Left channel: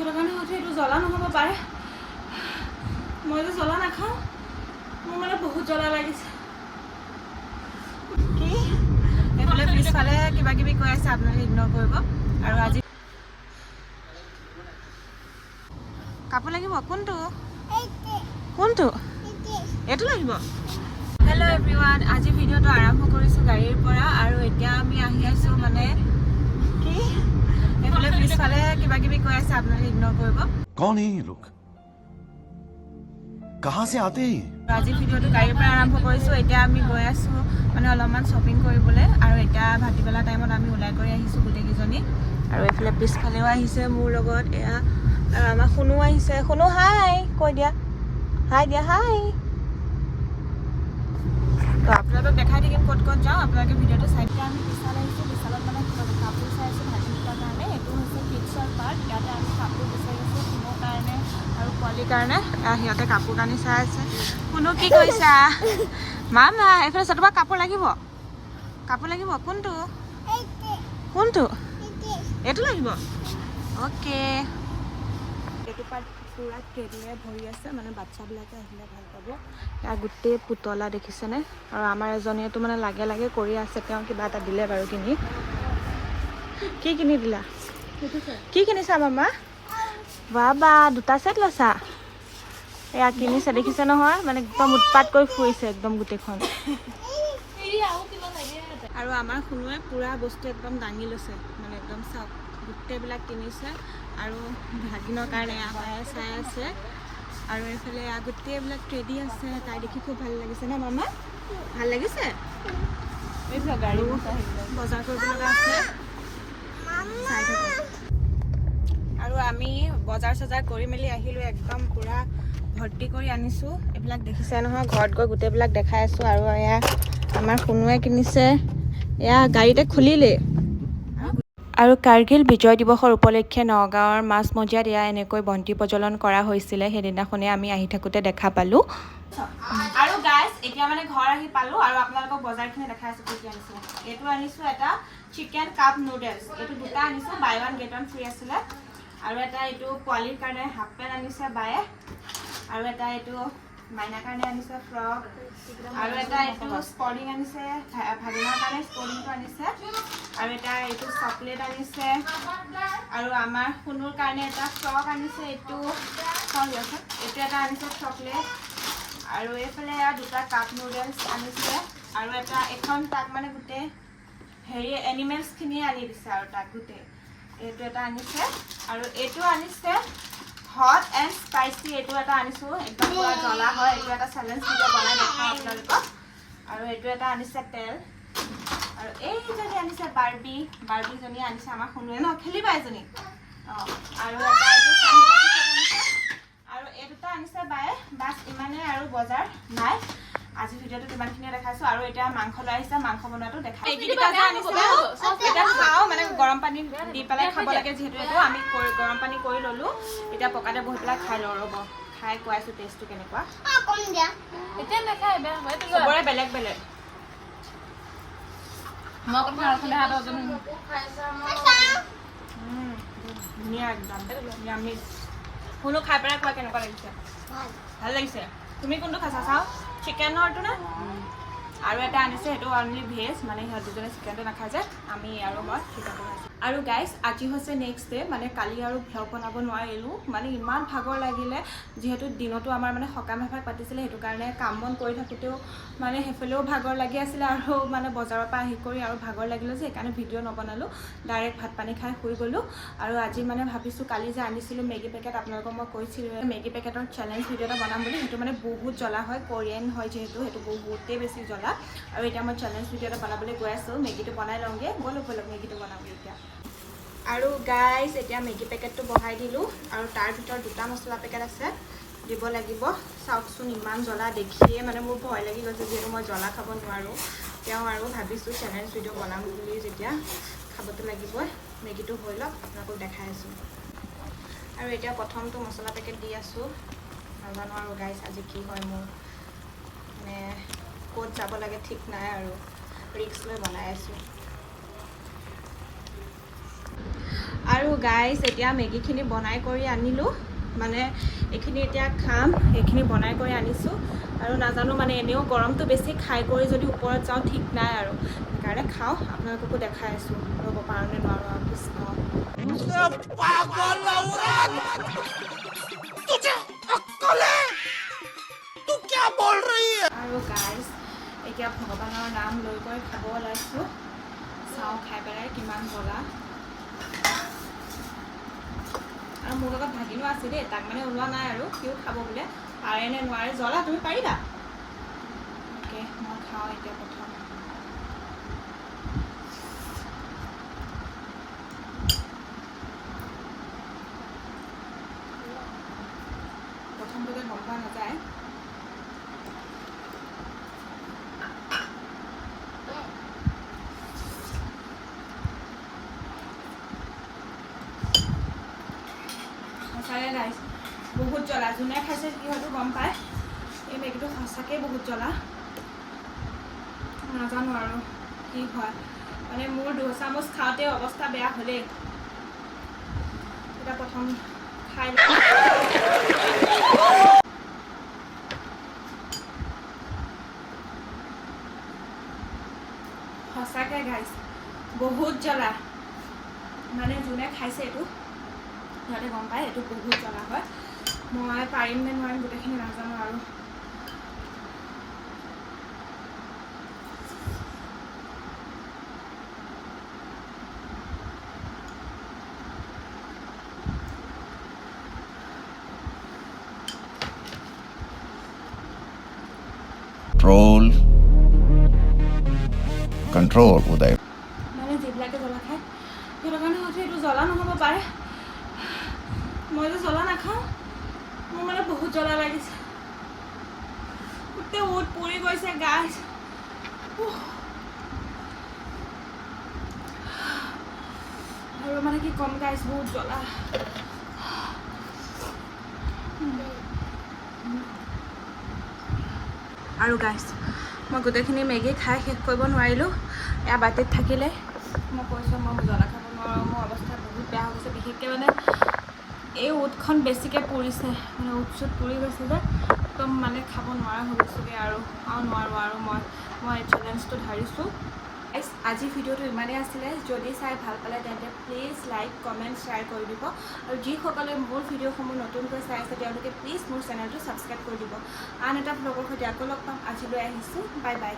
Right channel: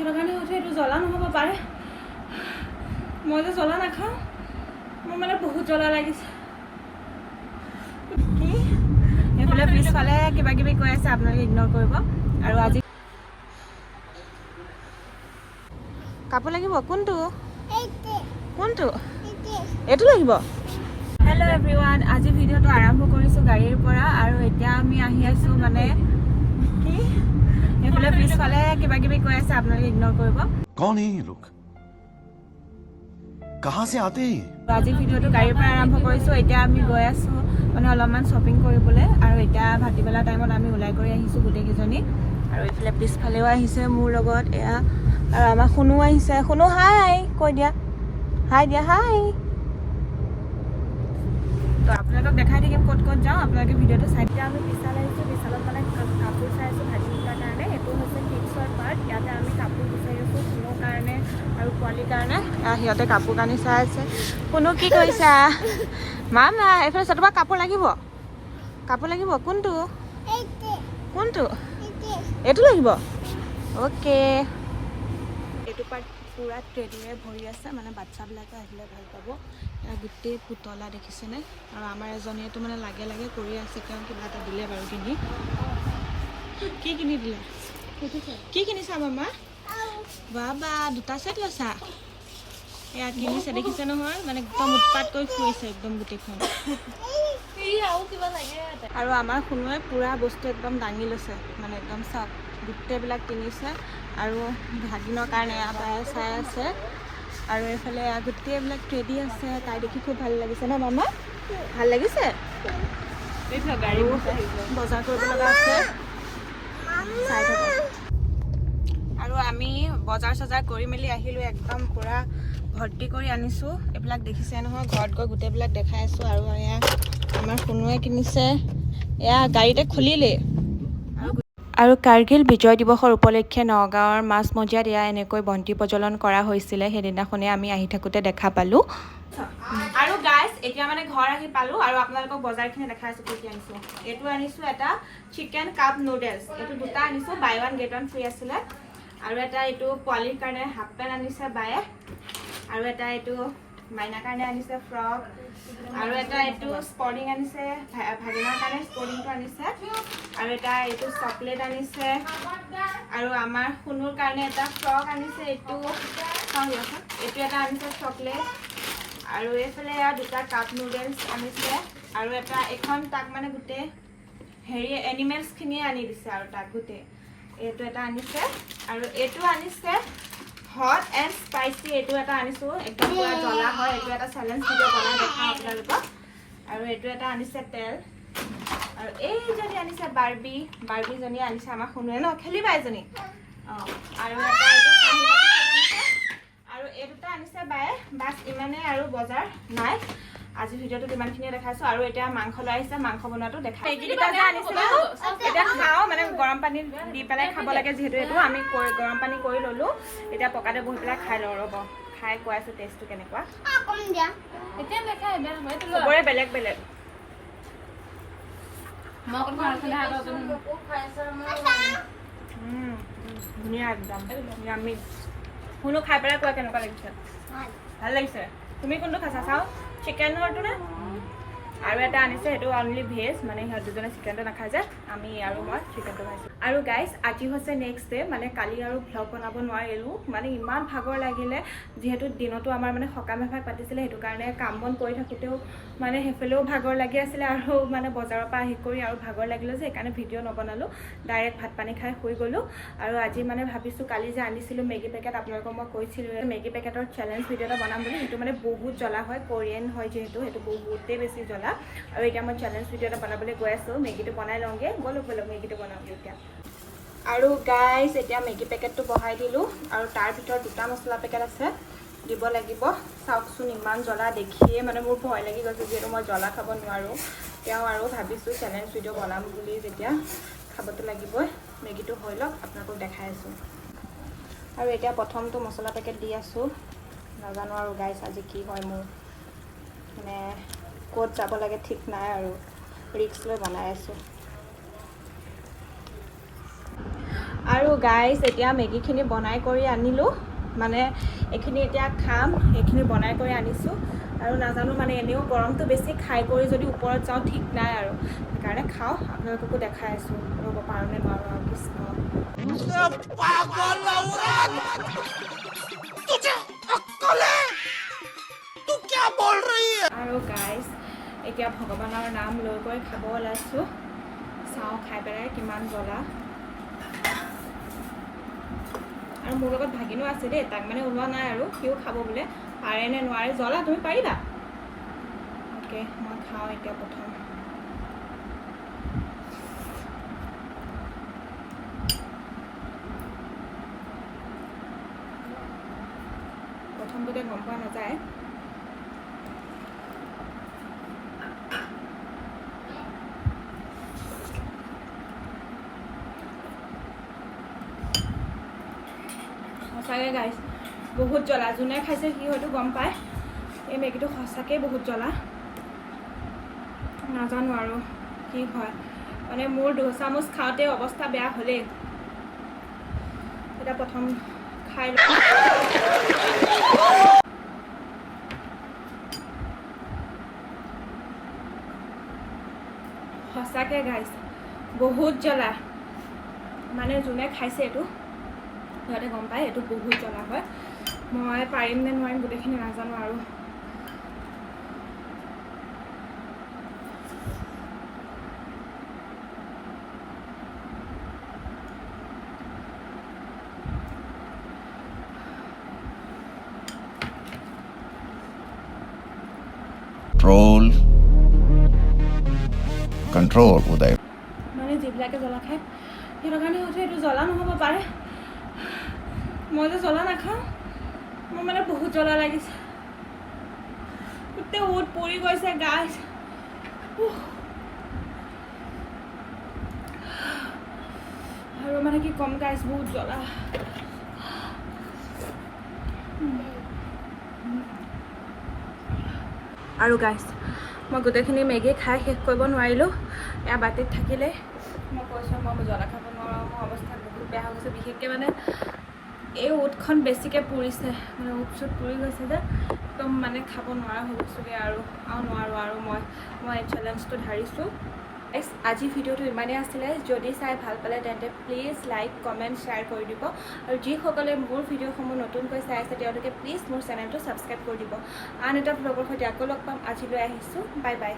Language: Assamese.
সেইটো কাৰণে হয়তো এইটো জ্বলা নহ'ব পাৰে মই যে জ্বলা নাখাওঁ মোৰ মানে বহুত জ্বলা লাগিছে কি এইফালে পিছফালে কিবা কিবি কৈ আছে আপোনালোকে ইগন'ৰ কৰিব আৰু আজি কাপোৰ লাগিব কোনটো কোনটো এইটো লাগিব হেল্ল' এভৰিৱান আজি ভিডিঅ'টো আৰম্ভ কৰিছোঁ গাড়ীৰ পৰা আৰু এতিয়া আমি আহি আছোঁ মানে কি এইফালে পিছফালে কিবা কিবি কৈ আছে আপোনালোকে ইগন'ৰ কৰিব कौन है ये लोग कहाँ से आते हैं আজি ভিডিঅ'টো গাড়ীৰ পৰা আৰম্ভ কৰিছোঁ এতিয়া আমি গৈ আছোঁ মানে অলপমান শ্বপিং কৰিবলৈ আৰু এতিয়া ভাটিবেলা টাইমত আমি ওলাই কৰি আহিছোঁ গোটেইকেইজনী আৰু এইফালে পিছফালেও আহিছে মোৰ লগত এয়া আৰু আমাৰ শুনো আহিছে শুনো হাই কৈ দিয়া হাই দিয়া হাই তো আপোনালোকক দেখাই থাকিম ক'ত ক'ত যাওঁ আপোনালোকে ভিডিঅ'টো চাই এতিয়া আমি বিশাল আহিছোঁ বিশালত মানে কাপোৰ চাই আছোঁ ভাজিবিলাৰ কাৰণে এইটো হৈছে কিডছৰ পাৰ্ট ইয়াতে আমি কাপোৰ বিচাৰি আছোঁ শুনোৰ কাৰণে আৰু পোৱালিৰ কাৰণে সিহঁতে কাপোৰ কানি চাই আছে শুনো কি কৰিছা মা এইফালে চাই তোমাৰ কাপোৰ লাগিব কোনটো কোনটো এইটো লাগিব অ'কে এইটো পাৰ্ট পুৰা ট্ৰেডিঙে ভৰি আছে মানে বাচ্চাবিলাকে আহিলে ভাল পাব ইয়াৰ গোটেই পুতলা দেখিছেনে আৰু আমাৰ এজনীয়েতো মানে লাগে লাগে কৰি আছে তেওঁ কিবা এটা দিলে বাৰু কি কিনি দিলা কি কিনিছা মামা বাবা দুটা ছেট লৈছা এয়া কিনিছে দেখিছে নহয় মানে একদম উৎপাত কৰি ফুৰিছে একদম গোটেইখন আৰু আমাৰ শুনোৱে পুৰা বস্তু একদম দাঙি লৈছে মানে একদম চাওক গোটেইবিলাক কিনিছে আৰু ভাগিনৰ কাৰণে এয়া পাই চাই আছে আৰু এইফালে এয়া গোটেইবিলাক ট্ৰেডি আছে তাই দেখি খুব ভাল লাগিছে ন মামা ভাল লাগিছে আৰু বজাৰ কৰিব লগা আছে চাই থাকোঁ আৰু আমি বজাৰ চজাৰ কৰি মেলি আহিলোঁ একদম পুৰা ভৰ্তি কৰি আনিছোঁ এইবিলাক দেখিছে নহয় ঘৰত গৈ গোটেইবিলাক দেখাই আছোঁ আৰু এয়া আমাৰ শুনোৱে কিনিছে এয়া গাড়ীতে খুলিলে আৰু কাৰ্গিল বিজয় দিৱসৰ উপলক্ষে নগাঁৱৰ মাছমজিয়াত এয়া এনেকৈ বন্তি প্ৰজ্বলন কৰা হৈছিলে সেইদিনাখনে আমি আহি থাকোঁতে দেখা পালোঁ আৰু গাইজ এতিয়া মানে ঘৰ আহি পালোঁ আৰু আপোনালোকক বজাৰখিনি দেখাই আছোঁ কি আনিছোঁ এইটো আনিছোঁ এটা চিকেন কাপ নুডলছ এইটো দুটা আনিছোঁ buy one get one free আছিলে আৰু এটা এইটো পোৱালিৰ কাৰণে হাফ পেণ্ট আনিছে বায়ে আৰু এটা এইটো মাইনাৰ কাৰণে আনিছে ফ্ৰক আৰু এটা এইটো স্পৰ্টিং আনিছে ভাগিনৰ কাৰণে স্পৰ্টিংটো আনিছে আৰু এটা এইটো চকলেট আনিছে আৰু আমাৰ শুনুৰ কাৰণে এটা ফ্ৰক আনিছে এইটো এইটো এটা আনিছে চকলেট আৰু এইফালে দুটা কাপ নুডলছ আনিছে আৰু এটা এখন তাক মানে গোটেই হেৰি এনিমেলছখিনিয়ে আনি দিছে আৰু তাক গোটেই এইটো এটা আনিছে আৰু এইটো আনিছে হট এণ্ড স্পাইচি এইটো এটা আনিছোঁ একদম পুৰা জ্বলা হয় এইটো এটা চেলেঞ্জ ভিডিঅ' বনাই দেখাওঁ আপোনালোকক আৰু এইটো এটা আনিছে তেল আৰু এইজনী আনিছে বাৰ্বিজনী আনিছে আমাৰ শুনোৱে ন খেলিবা এজনী অঁ আৰু এটা এইটো চাহি বাতি আনিছে আৰু এই দুটা আনিছে বায়ে বাছ ইমানেই আৰু বজাৰ নাই আজি ভিডিঅ'টোত ইমানখিনিয়ে দেখাইছোঁ আৰু এতিয়া মাংস লৈ আহিছে মাংস বনোৱাটো দেখাই এইকেইটা যে আনিছিলোঁ এতিয়া খাওঁ মানে গৰম পানী দি পেলাই খাব লাগে যিহেতু এইটো আমি গৰম পানী কৰি ল'লোঁ এতিয়া পকাতে বহি পেলাই খাই লওঁ ৰ'ব খাই কোৱাইছোঁ টেষ্টটো কেনেকুৱা চবৰে বেলেগ বেলেগ ধুনীয়া একদম আমি শুনো খাই পেলাই কোৱা কেনেকুৱা লাগিছে ভাল লাগিছে তুমি কোনটো খাইছা চাওঁ চিকেনৰটো নে আৰু এটা আনিছে সেইটো অনলি ভেজ মানে সিহঁত দুজনে চিকেনটো নাখায় যে আমি আৰু মই চিকেনটো খাইছোঁ আৰু গাইজ আজি হৈছে নেক্সট ডে মানে কালি আৰু ভ্লগ বনাব নোৱাৰিলোঁ মানে ইমান ভাগৰ লাগিলে যিহেতু দিনতো আমাৰ মানে সকাম এভাগ পাতিছিলে সেইটো কাৰণে কাম বন কৰি থাকোঁতেও মানে সেইফালেও ভাগৰ লাগি আছিলে আৰু মানে বজাৰৰ পৰা আহি কৰি আৰু ভাগৰ লাগিলে যে সেইকাৰণে ভিডিঅ' নবনালোঁ ডাইৰেক্ট ভাত পানী খাই শুই গ'লোঁ আৰু আজি মানে ভাবিছোঁ কালি যে আনিছিলোঁ মেগী পেকেট আপোনালোকক মই কৈছিলোঁ মেগী পেকেটৰ চেলেঞ্জ ভিডিঅ' এটা বনাম বুলি সেইটো মানে বহুত জ্বলা হয় কোৰিয়ান হয় যিহেতু সেইটো বহুতেই বেছি জ্বলা আৰু এতিয়া মই চেলেঞ্জ ভিডিঅ' এটা বনাবলৈ গৈ আছোঁ মেগীটো বনাই লওঁগৈ ব'লক মেগীটো বনাওঁগৈ এতিয়া আৰু গাইজ এতিয়া মেগী পেকেটটো বহাই দিলোঁ আৰু তাৰ ভিতৰত দুটা মছলা পেকেট আছে দিব লাগিব চাওকচোন ইমান জ্বলা দেখিয়ে মানে মোৰ ভয় লাগি গৈছে যিহেতু মই জ্বলা খাব নোৱাৰোঁ তেওঁ আৰু ভাবিছোঁ চেলেঞ্জ ভিডিঅ' বনাম বুলি যেতিয়া খাবতো লাগিবই মেগীটো হৈ লওক আপোনালোকক দেখাই আছোঁ আৰু এতিয়া প্ৰথমটো মছলা পেকেট দি আছোঁ নাজানো আৰু গাইজ আজি কি হয় মোৰ মানে ক'ত যাব লাগে ঠিক নাই আৰু ৰিস্ক লৈ বনাই আছোঁ আৰু গাইজ এতিয়া মেগীখিনি বনাই কৰি আনিলোঁ মানে এইখিনি এতিয়া খাম এইখিনি বনাই কৰি আনিছোঁ আৰু নাজানো মানে এনেও গৰমটো বেছি খাই কৰি যদি ওপৰত যাওঁ ঠিক নাই আৰু সেইকাৰণে খাওঁ আপোনালোককো দেখাই আছোঁ ৰ'ব পাৰোঁনে নোৱাৰোঁ আৰু কৃষ্ণ আৰু গাইজ এতিয়া ভগৱানৰ নাম লৈ কৰি খাব ওলাইছোঁ চাওঁ খাই পেলাই কিমান জ্বলা আৰু মোৰ লগত ভাগিনো আছে দেই তাক মানে ওলোৱা নাই আৰু সিও খাব বোলে পাৰে নে নোৱাৰে জ্বলা তুমি পাৰিবা অ'কে মই খাওঁ এতিয়া প্ৰথমটোতে গম পোৱা নাযায় সঁচাকৈ গাইছ বহুত জ্বলা যোনে খাইছে সি হয়তো গম পায় এই মেগীটো সঁচাকৈ বহুত জ্বলা নাজানো আৰু কি হয় মানে মোৰ 2 চামুচ খাওঁতে অৱস্থা বেয়া হ'লেই এতিয়া প্ৰথম খাই সঁচাকৈ গাইছ বহুত জ্বলা মানে যোনে খাইছে এইটো সিহঁতে গম পায় এইটো বহুত জ্বলা হয় মই পাৰিম নে নোৱাৰিম গোটেইখিনি নাজানো আৰু Control, Uday. মানে যিবিলাকে জ্বলা খায় সিহঁতৰ কাৰণে হয়তো এইটো জ্বলা নহ'ব পাৰে মই যে জ্বলা নাখাওঁ মোৰ মানে বহুত জ্বলা লাগিছে গোটেই ওঁঠ পৰি গৈছে গাইছ আৰু মানে কি কম গাইছ বহুত জ্বলা আৰু গাইছ মই গোটেইখিনি মেগী খাই শেষ কৰিব নোৱাৰিলোঁ এয়া বাতিত থাকিলে মই কৈছোঁ মই জ্বলা খাব নোৱাৰোঁ মোৰ অৱস্থা বহুত বেয়া হৈ গৈছে বিশেষকৈ মানে এই ওঁঠখন বেছিকৈ পুৰিছে মানে ওঁঠ চুট পুৰি গৈছে যে একদম মানে খাব নোৱাৰা হৈ গৈছোঁগৈ আৰু নোৱাৰোঁ আৰু মই এই চেলেঞ্জটো ধাৰিছোঁ আজি ভিডিঅ'টো ইমানেই আছিলে যদি চাই ভাল পালে তেন্তে প্লিজ লাইক কমেণ্ট শ্বেয়াৰ কৰি দিব আৰু যিসকলে মোৰ ভিডিঅ'সমূহ নতুনকৈ চাই আছে তেওঁলোকে প্লিজ মোৰ চেনেলটো ছাবস্ক্ৰাইব কৰি দিব আন এটা ব্লগৰ সৈতে আকৌ লগ পাম আজিলৈ আহিছোঁ বাই বাই